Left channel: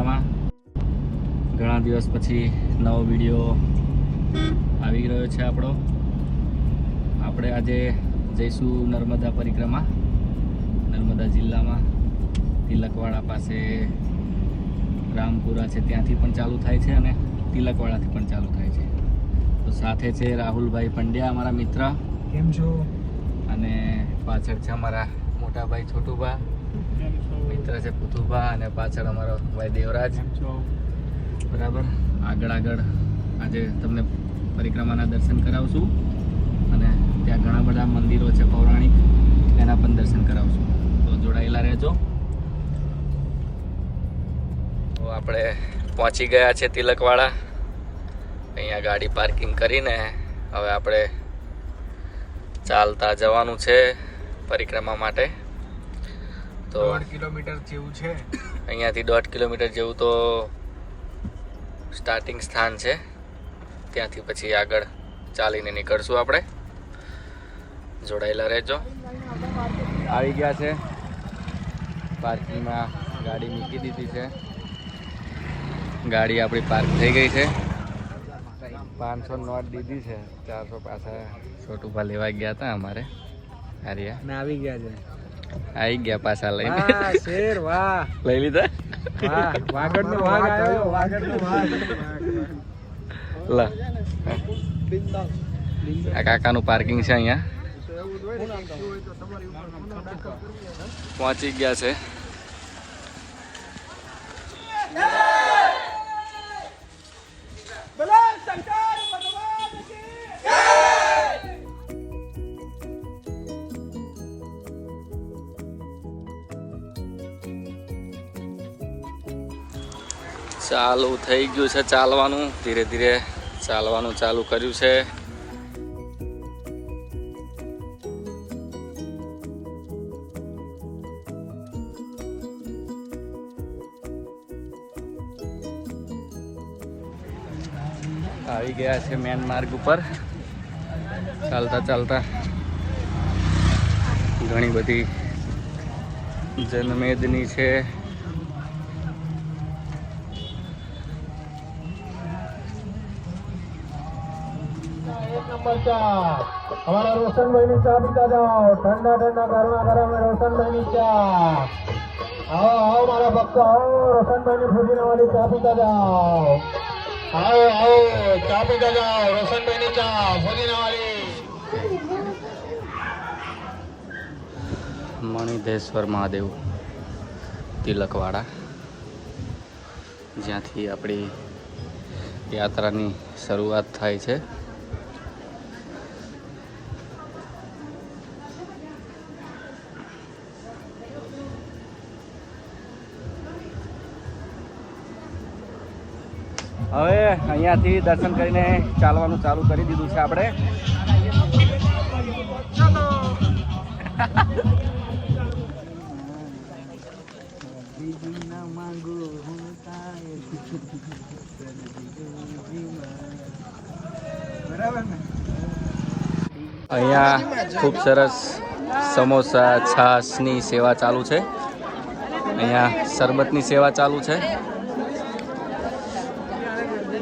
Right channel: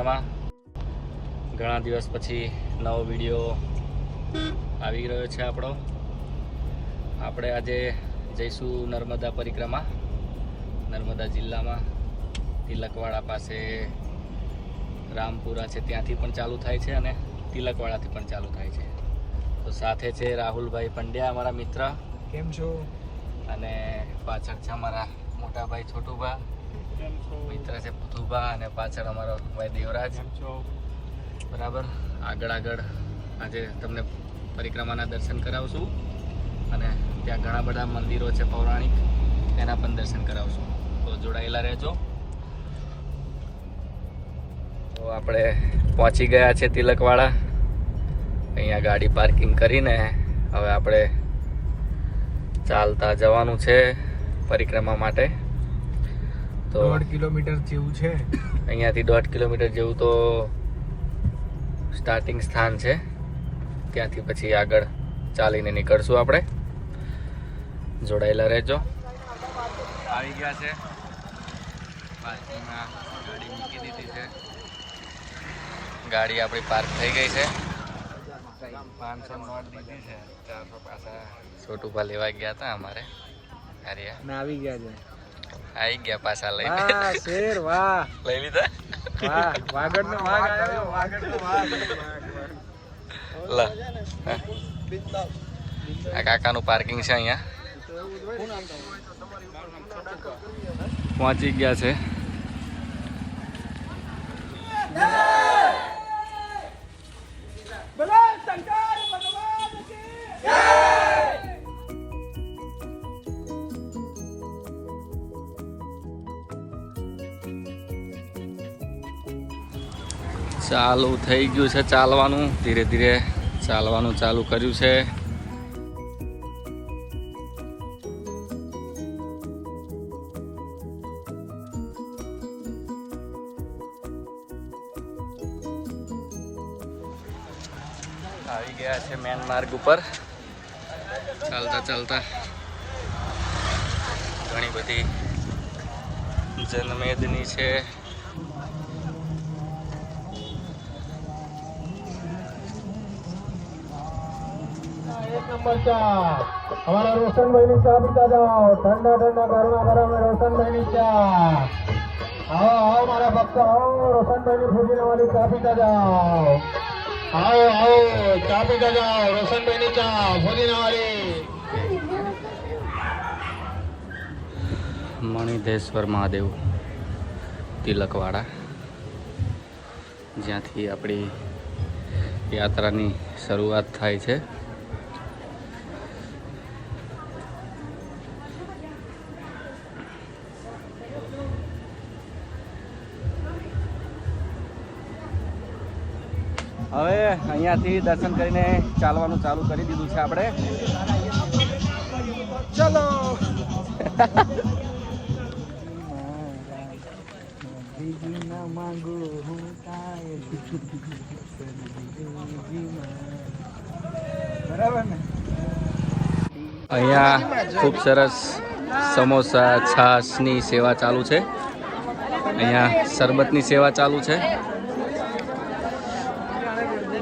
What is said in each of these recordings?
મજામાં? ઘણા દિવસ પછી નવો વીડિયો આવી રહ્યો છે આપણો. આપણે આજે જઈશું નર્મદા પરિક્રમા નર્મદા જિલ્લામાં. તિલકવાડા પાસે રામપુરા છે ત્યાંથી પણ ચાલુ થાય છે અને તિલકવાડાથી પણ ચાલુ થાય છે. તો સાથે છે રાહુલભાઈ પંડ્યા અમારા મિત્ર. કેમ છો? અને પાછળ છે અમારા મોટાભાઈ છોટુભાઈ છોટુભા. મિત્ર છે, પુતુભા અને પાછળ અમારો ભાઈ દેવરાજ. બરાબર? આગળ આગળ આજે તમને પરિક્રમાના દર્શન કરાવશું અને ત્યાં ઘણા બધા મંદિરો છે પૌરાણિક, એના પણ દર્શન કરાવશું. તો જોડાયેલા રહેજો. તો આપણે પહોંચી ગયા છે તિલકવાળા અહીંયા ગાડી પાર્કિંગ કરીને હવે આપણે ચાલતા જવાનું છે પરિક્રમા માટે. તો દોઢ કિલોમીટર જેવું છે. અહીંયાથી દોઢ કિલોમીટર જેવું તો સ્ટાર્ટિંગ સ્થાન છે. ત્યાંથી પછી આગળ ચાલીને નીકળશું આપણે. જોડાયેલા રહેજો. આવી ગયા છે. પાર્કિંગમાં ગાડી મૂકી દીધી છે. ગાડી આપણી પાર્ક થઈ ગઈ છે. પાંચસો નોટ દીધી છે. ચારસો પાછા છોટુભા લેવા ગયા હતા અમારે. અમે આવી ગયા છે. આવી ગયા પાછા લઈને. લઈ લીધા? લા આ કાકાનું પાર્કિંગ છે અહીંયા. પહોંચી ગયા છે. ચાલુ થઈ ગયું છે ચાલવાનું. ધીરે ધીરે ચાલવાનું ચાલુ કર્યું છે. આવી ગયા છે મેન માર્ગ ઉપર. ચાલતા ચાલતા ઘણી બધી જનમેદની છે. પચાસ અમારા રોશનભાઈ ની ચા પીતા જાઓ ઠંડા ઠંડા ગરમા ગરમ રોશનભાઈ ની ચા આવો આવો મારા ભક્ત, આવો રોશનભાઈ ની ફૂજીને વાળી ચા પીતા જાઓ આવો આવો ચા પીતા જાઓ રોશનભાઈ ચા ફૂજીને મણિધેશ્વર મહાદેવ, તિલકવાડા. જ્યાંથી આપણી યાત્રાની શરૂઆત થાય છે. હવે અહીંયાથી દર્શન કરીને ચાલવાનું ચાલુ કરી દીધું છે આપણે. અહીંયા ખૂબ સરસ સમોસા, છાશની સેવા ચાલુ છે. અહીંયા શરબતની સેવા ચાલુ છે.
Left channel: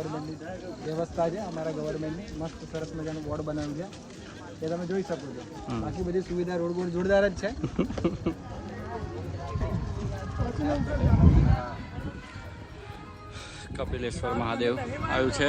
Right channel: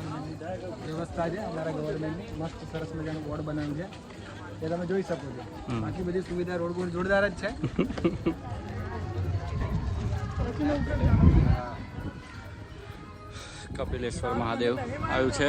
ગવર્મેન્ટની વ્યવસ્થા છે અમારા ગવર્મેન્ટની. મસ્ત સરસ મજાનું બોર્ડ બનાવ્યું છે. એ તમે જોઈ શકો છો. બાકી બધી સુવિધા રોડ બોર્ડ જોરદાર જ છે. કપિલેશ્વર મહાદેવ આવ્યું છે.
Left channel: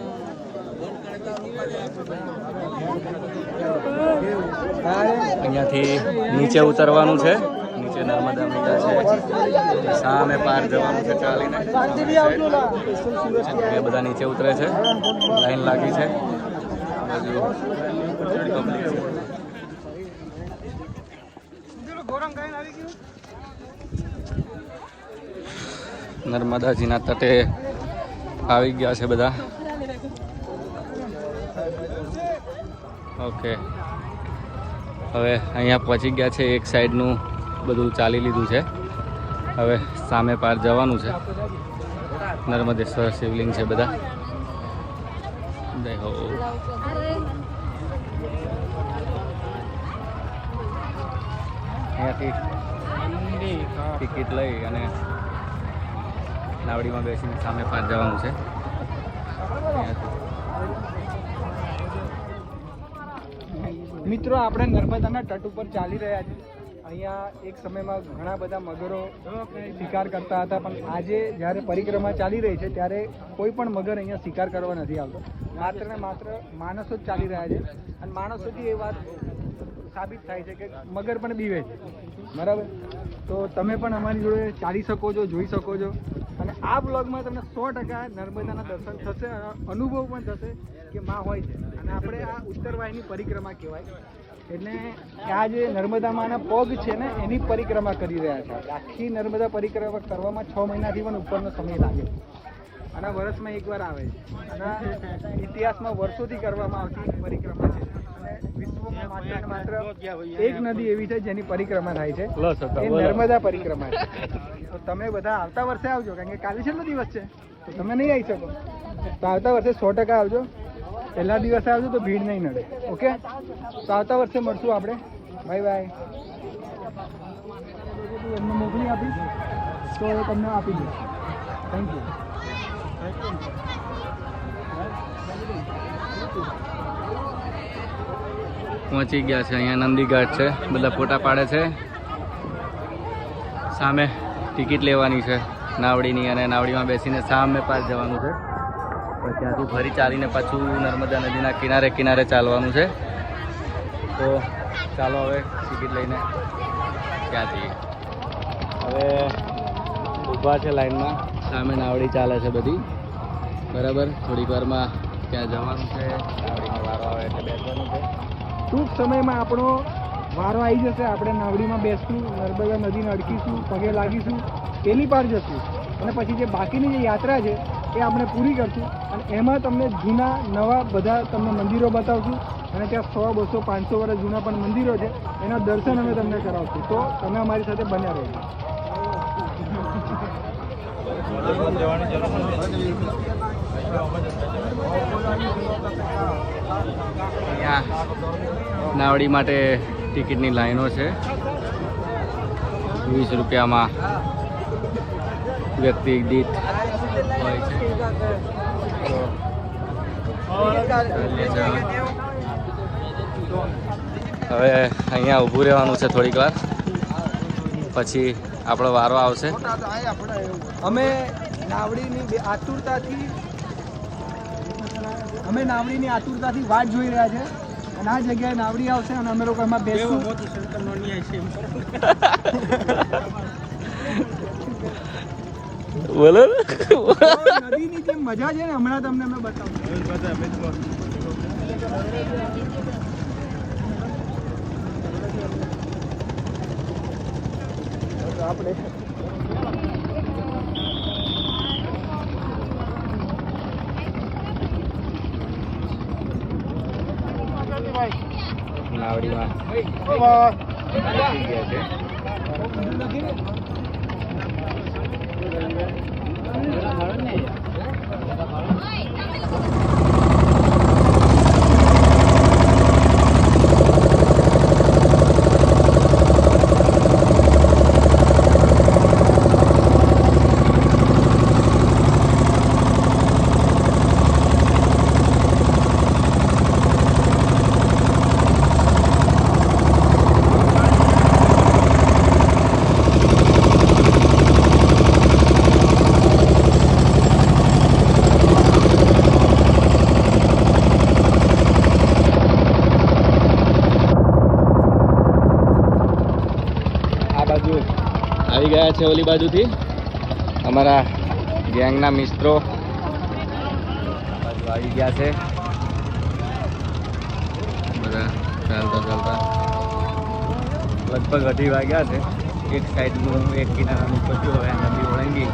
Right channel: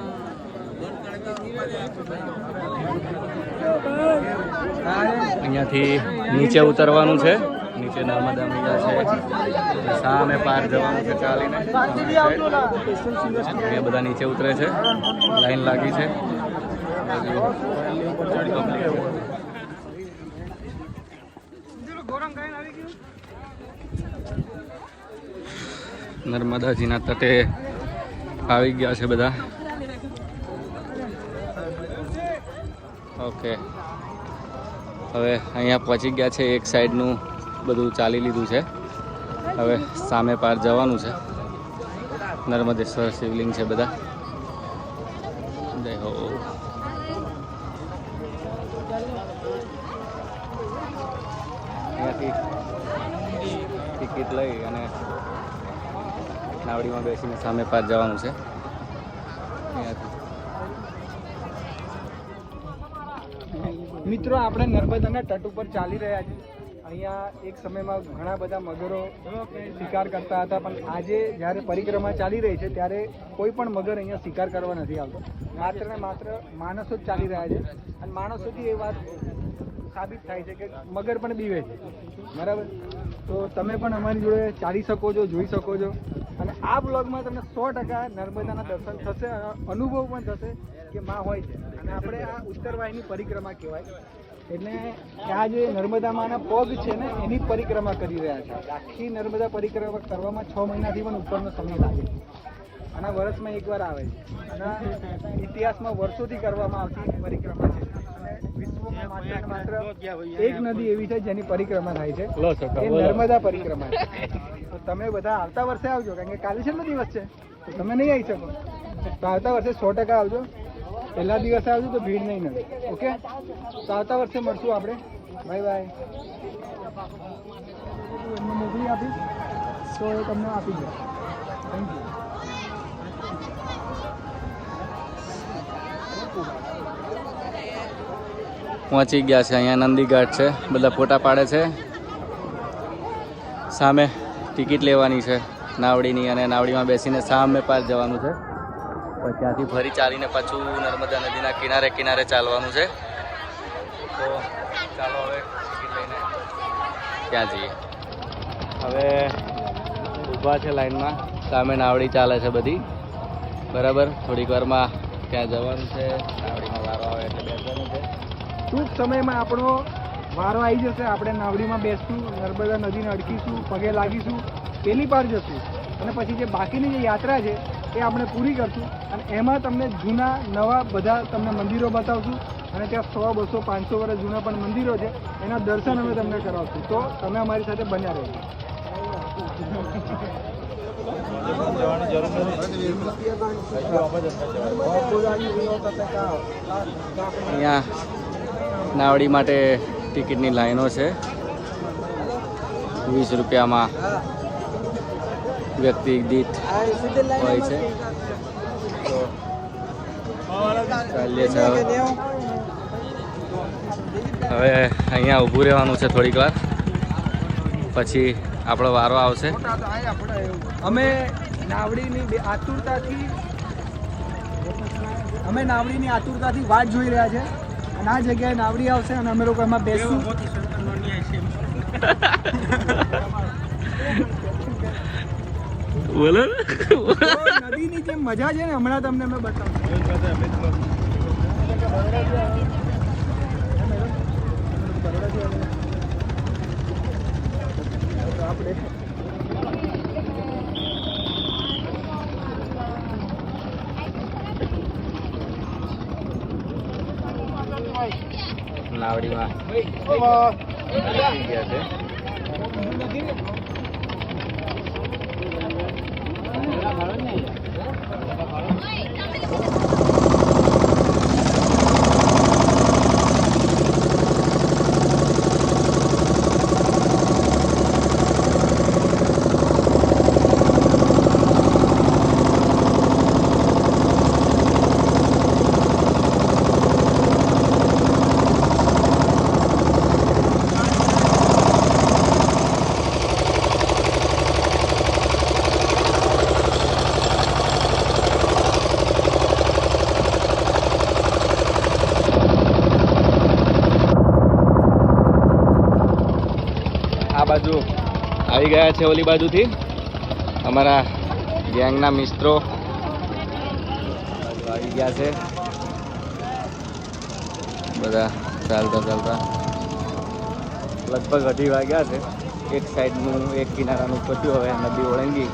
અહીંયાથી નીચે ઉતરવાનું છે. નીચે નર્મદા મૈયા છે. સામે પાર જવાનું છે ચાલીને. અહીંયા બધા નીચે ઉતરે છે. લાઈન લાગી છે. નર્મદાજીના તટે આવી ગયા છે બધા. ઓકે. હવે અહીંયા પહોંચી ગયા છે, એક સાઈડનું બધું ચાલી લીધું છે. હવે સામે પાર જવાનું છે. નર્મદેશ્વર શિવલિંગ છે બધા. જય હો. અહીંયાથી ટિકિટ લઈ અને નાવડીમાં બેસીને સામે પાર જવાનું છે. અહીંયાથી. મિત્રો, આપણે નર્મદાના તટ ઉપર ચાલી રહ્યા છીએ. અહીંયા એક સમયમાં ઘણા બધા મગરો શિકાર કરતા હતા, પણ આજે જ્યારે પરિક્રમા ચાલી રહી છે, ત્યારે કોઈ પણ મગર અહીંયા શિકાર કરવા નથી આવતો. માત્ર ને માત્ર માણસો જ ચાલી રહ્યા છે. અને માણસોથી એ વાત સાબિત થાય છે કે મગર પણ બીવે છે. બરાબર? તો તમે પણ અમારી જોડે ચાલી શકો છો, જોઈ શકો છો. અને આ બ્લોગમાં તમને સો ટકા નર્મદાના દર્શન થશે, અનુભવ પણ થશે કે માં હોય છે. અને આપણે આ ઉત્તરવાહિની પરિક્રમા કહેવાય. એટલે આ જે નર્મદામાંના પગ છે ને, એની પરિક્રમા કરી રહ્યા છે. આખી નર્મદા પરિક્રમા કરવામાં છ મહિનાથી પણ ઉપરનો સમય લાગે. અને વર્ષમાં એકવાર આવે છે. અને ઇતિહાસમાં વર્ષોથી કરવામાં આવતી પરિક્રમા છે. એક નદી એવી છે જેની પરિક્રમા થાય છે. એ નર્મદા પરિક્રમા છે. તો તમે બધા આવતા વર્ષે આવજો કારણ કે કાલે છેલ્લો દિવસ છે. તો તમે નહીં આવી શકો. તો આવતા વર્ષે સો ટકા આવજો. પહેલા દિવસે આવજો તો ભીડ નહીં નડે. ઓકે? તો આવતા વર્ષે મળશું આપણે. Bye bye. એમને મોકલી આપીશ તો એ તમને આપી દઈશ. થેન્ક યુ પહોંચી ગયા છે. અહીંયા નંદીઘાટ છે. બધા ફોટા પાડે છે. સામે ટિકિટ લેવાની છે. નાવડીની અને નાવડીમાં બેસીને સામે પાસ જવાનું છે. તો ત્યાંથી ફરી ચાલીને પાછું નર્મદા નદીના કિનારે કિનારે ચાલવાનું છે. તો ચાલો હવે ટિકિટ લઈને ત્યાં જઈએ. હવે ઊભા છે લાઈનમાં. સામે નાવડી ચાલે છે બધી. બરાબર? થોડીક વારમાં ત્યાં જવાનું છે. નાવડીમાં વારો આવે એટલે બેસવાનું છે. ટૂંક સમયમાં આપણો વારો આવી જશે. આપણે નાવડીમાં બેસશું, નર્મદા નદીને અડકીશું, પગે લાગીશું પેલી પાર જશું. અને પછી જે બાકીની જે યાત્રા છે, એ આપણે પૂરી કરશું. અને એમાં તમને જૂના, નવા બધા તમને મંદિરો બતાવશું. અને ત્યાં સો, બસો, પાંચસો વર્ષ જૂના પણ મંદિરો છે. એના દર્શન અમે તમને કરાવશું. તો તમે અમારી સાથે બન્યા રહેજો. નાવડી માટે ટિકિટની લાઈનો છે. વીસ રૂપિયામાં વ્યક્તિ દીઠ હોય છે. હવે અહીંયા ઊભું રહેવાનું છે થોડીક વાર. પછી આપણો વારો આવશે. અમે નાવડીની આતુરતાથી અમે નાવડીની આતુરતાથી વાત જોઈ રહ્યા છે. અને આ જગ્યાએ નાવડી આવશે અને અમે લોકો એમાં બેસશું બોલો નદીની જે મજા છે ને હમણાં તમને અમે બતાવું. આપણે નાવડીમાં બેસી ગયા છે ઓલી બાજુથી. અમારા ગેંગના મિત્રો બાજુ આવી ગયા છે. બધા ચાલતા ચાલતા લગભગ અઢી વાગ્યા છે. એક સાઈડનું એક કિનારાનું પત્યું હવે નદી ઓળંગી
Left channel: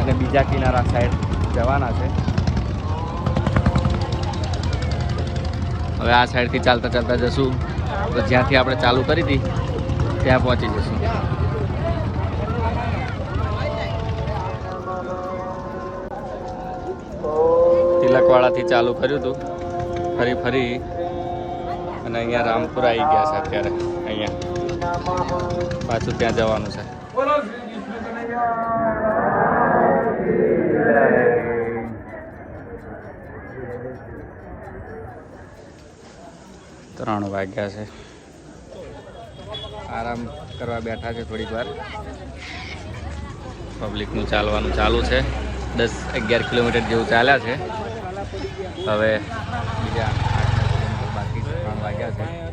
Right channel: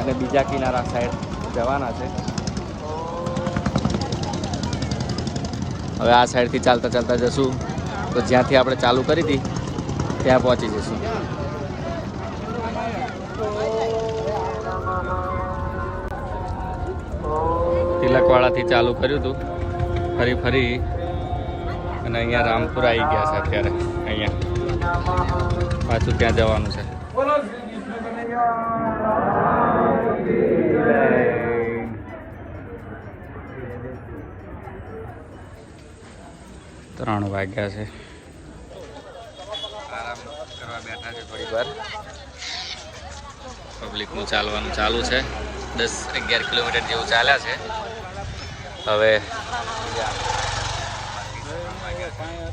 અને બીજા કિનારા સાઈડ જવાના છે. હવે આ સાઈડથી ચાલતા ચાલતા જશું. તો જ્યાંથી આપણે ચાલુ કરી હતી, ત્યાં પહોંચી જશું. તિલકવાડાથી ચાલુ કર્યું હતું ફરી ફરી. અને અહીંયા રામપુર આવી ગયા છે અત્યારે. અહીંયા. પાછું ત્યાં જવાનું છે. ત્રણ વાગ્યા છે. આરામ કરવા બેઠા છે થોડીક વાર. પબ્લિકનું ચાલવાનું ચાલુ છે. દસ અગિયાર કિલોમીટર જેવું ચાલ્યા છે. હવે બીજા આઠ કિલોમીટર બાકી ત્રણ વાગ્યા છે.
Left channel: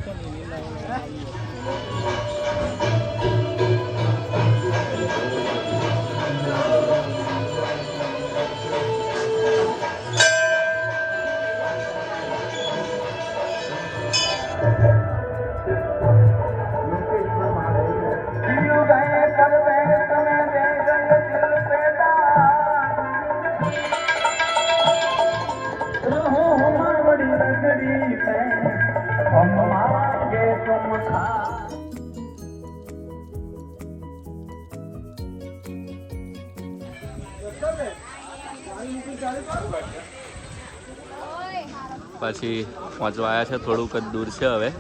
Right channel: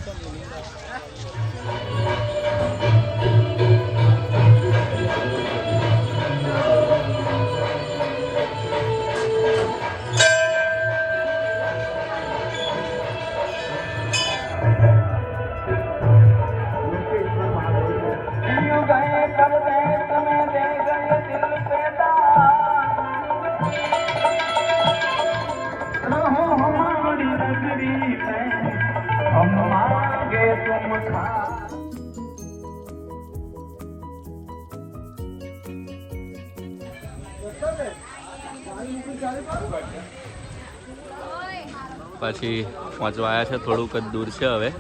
પછી પહોંચવા આવ્યા છે થોડુંક જ દૂર છે હવે.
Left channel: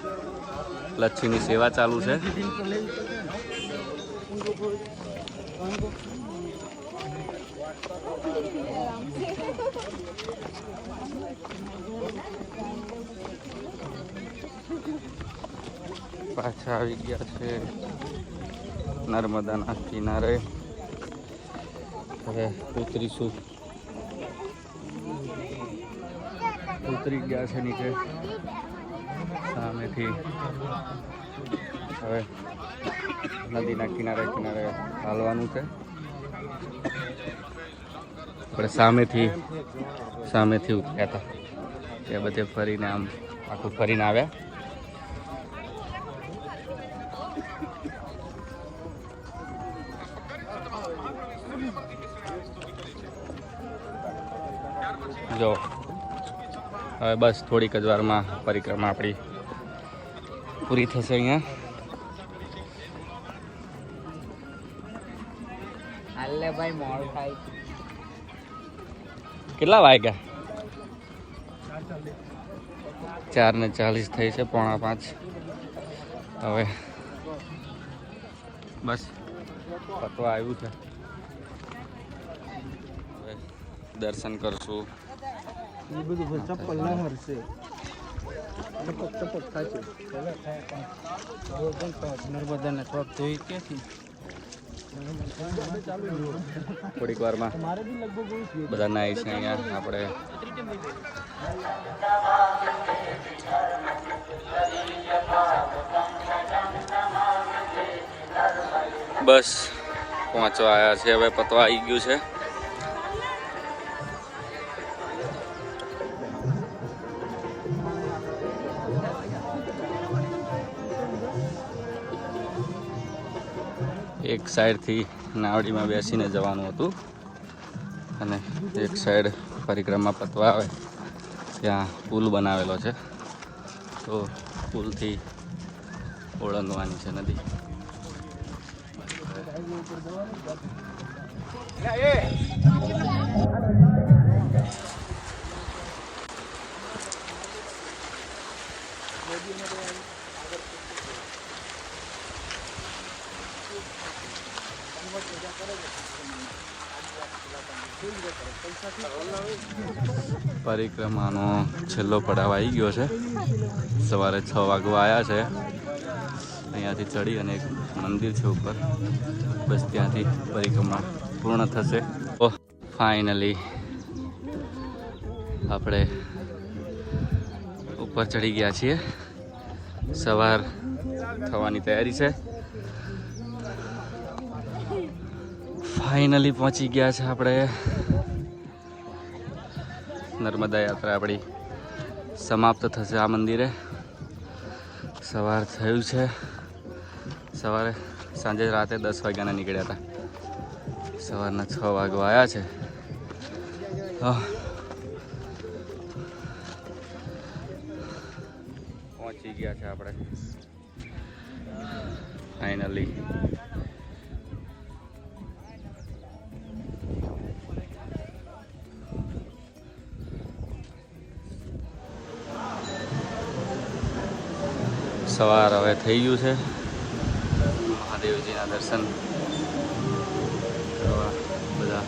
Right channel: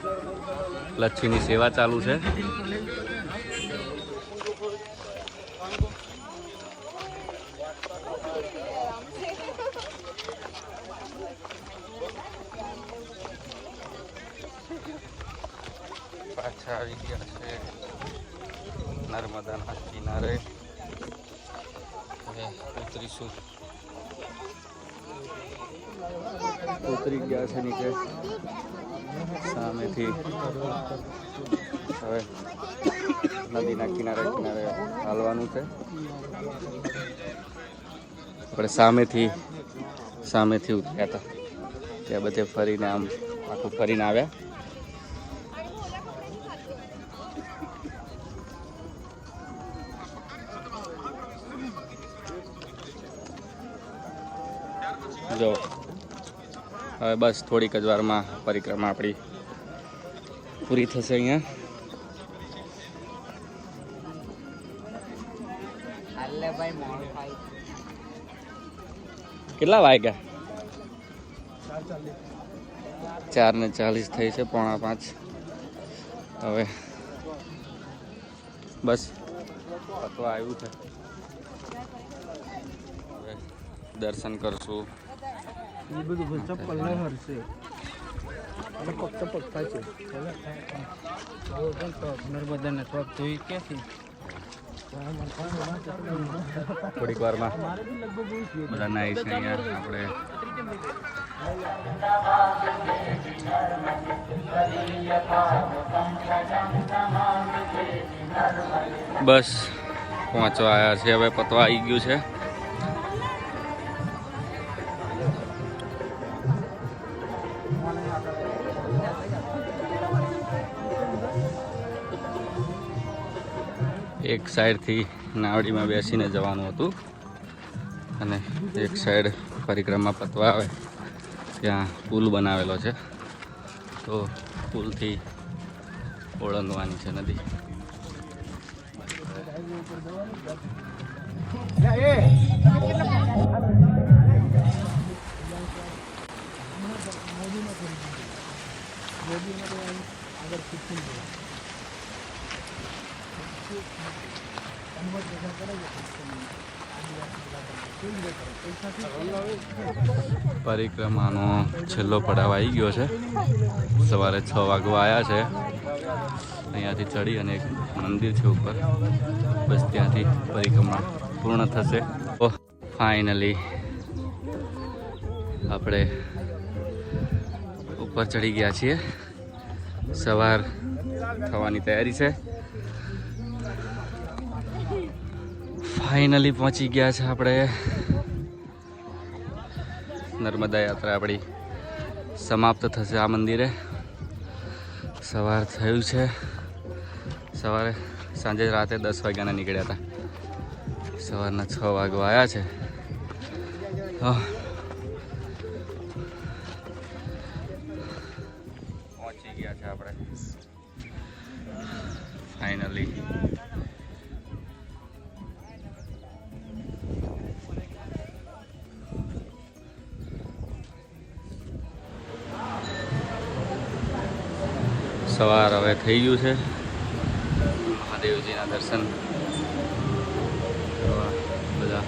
લચ્છીની સેવા ચાલુ છે. પાછા આવી ગયા છે નર્મદાના કિનારે. હવે ઉતરીશું. ઉતરી ગયા છે નીચે. સામેથી. હવે નદીના કિનારે કિનારે હાલવાનું છે. આપણે સામેથી સામેથી ઉતર્યા હતા. ત્યાં બધે ફરીને આમ આખું ફરીને આવ્યા. હવે બસ થોડીક જ વારમાં પરિક્રમા આપણી પૂરી થશે અહીંયા. કેટલા વાગ્યા? ચાર ને ચાલીસ થઈ છે પોણા પાંચ. હવે બસ પતવા આવ્યું છે. દર્શન કરશું. એ બધું ચપ્પલ ના છે ચપક ચપક થશે નર્મદાને થોડાક ધોઈ ક્યાંથી થોડીક વારમાં બધા નાઈ અહીંયા. આપણે બસ પહોંચવા આવ્યા છે હવે પતવા આવી ગયું છે. એક સાઈડથી નાવડીમાં બેસીને જવાનું હતું. અને એક સાઈડ પરિક્રમા પતવા આવે. ત્યાં પુલ બનાવેલો છે. તો પુલથી ઓળંગવાની છે નદી. પરિક્રમાનો છેલ્લો પડાવ આવી ગયો છે. સવારે છ વાગવા આવ્યા છે. અહીંયાથી ચડી અને એક મંદિર છે ઉપર. બસ ત્યાંથી પરિક્રમા પૂર્ણ થશે. ઓહ ફાઇનલી આપણે ઉપર ચડી ગયા છીએ. સવાર થવાની તૈયારી છે. ફાઇનલી પહોંચી ગયા છે આપણે. નર્મદા યાત્રા આપણી સમાપ્ત થશે આ મંદિરે. સવાર થયું છે. સવારે સાંજે રાતે દસ વાગ્યાના નીકળ્યા હતા. સવારના છ વાગો આવ્યા છે. પહોંચી ગયા છે આપણે. ફાઇનલી સવાર હવે થઈ ગયું છે. મહાદેવજીના દર્શન બધા.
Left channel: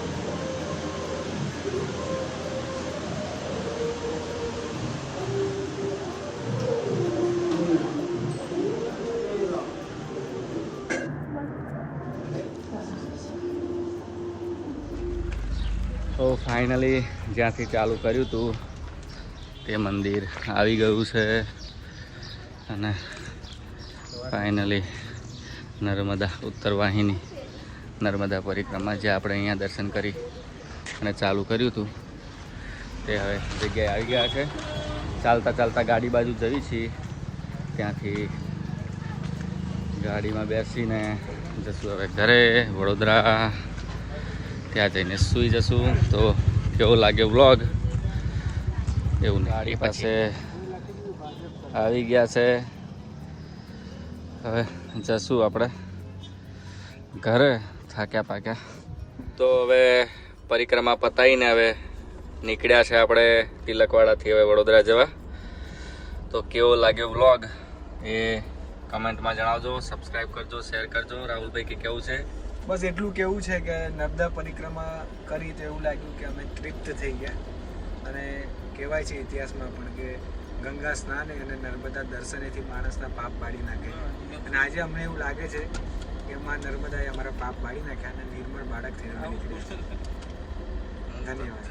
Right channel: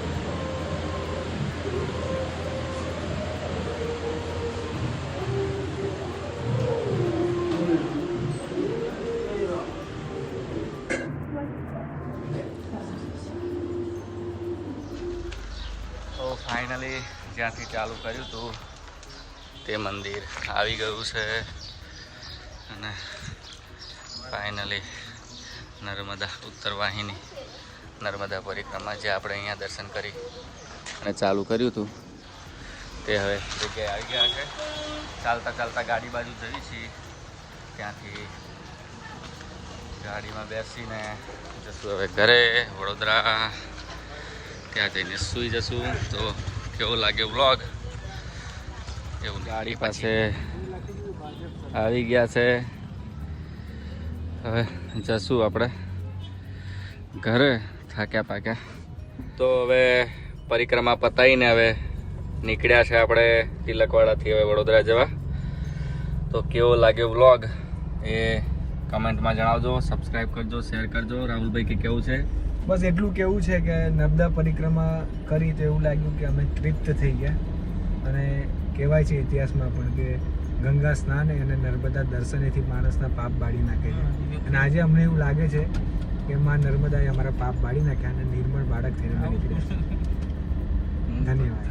તો ફાઇનલી જ્યાંથી ચાલુ કર્યું હતું, તે મંદિર આવી ગયું છે. અને ફાઇનલી નર્મદા ઉત્તર વાહિની નર્મદા પરિક્રમા જે આપણે અહીંયા દર્શન કરી અને ચાલુ કર્યું હતું. તે હવે જગ્યાએ આવી ગયા છે. ચાલતા ચાલતા ગાડી બાજુ જવી છીએ ત્યાંથી ગાડીમાં બેસીને જશું હવે ઘરે વડોદરા. ત્યાં જઈને સૂઈ જશું. તો કેવો લાગે વ્લોગ? એવું ગાડી પાસે આવી ગયા છે. હવે જશું આપણે ઘરે થાક્યા પાક્યા. તો હવે પરિક્રમા પતાવીને હવે નીકળ્યા છે આપણે તિલકવાડાથી હવે વડોદરા જવા. તો કેવો લાગ્યો વ્લોગ એ કમેન્ટમાં જણાવજો સબસ્ક્રાઈબ કરજો શેર કરજો. રાહુલભાઈ કે કેવું છે? બસ એટલું કેવું છે કે નર્મદા પરિક્રમા કરી તો એવું લાગ્યું કે અમે તૃપ્ત થઈ ગયા. અને કહેવાય છે ઇતિહાસમાં પણ કે ગંગા સ્નાન અને નર્મદા દર્શનેથી માણસના પાપ બાળી નાખે છે. અને આજે અમને એવું લાગે છે કે માં નર્મદાએ અમારા પાપ બાળી નાખ્યા અને નિર્મળ બાળક થઈને નીકળ્યા. ધન્યવાદ.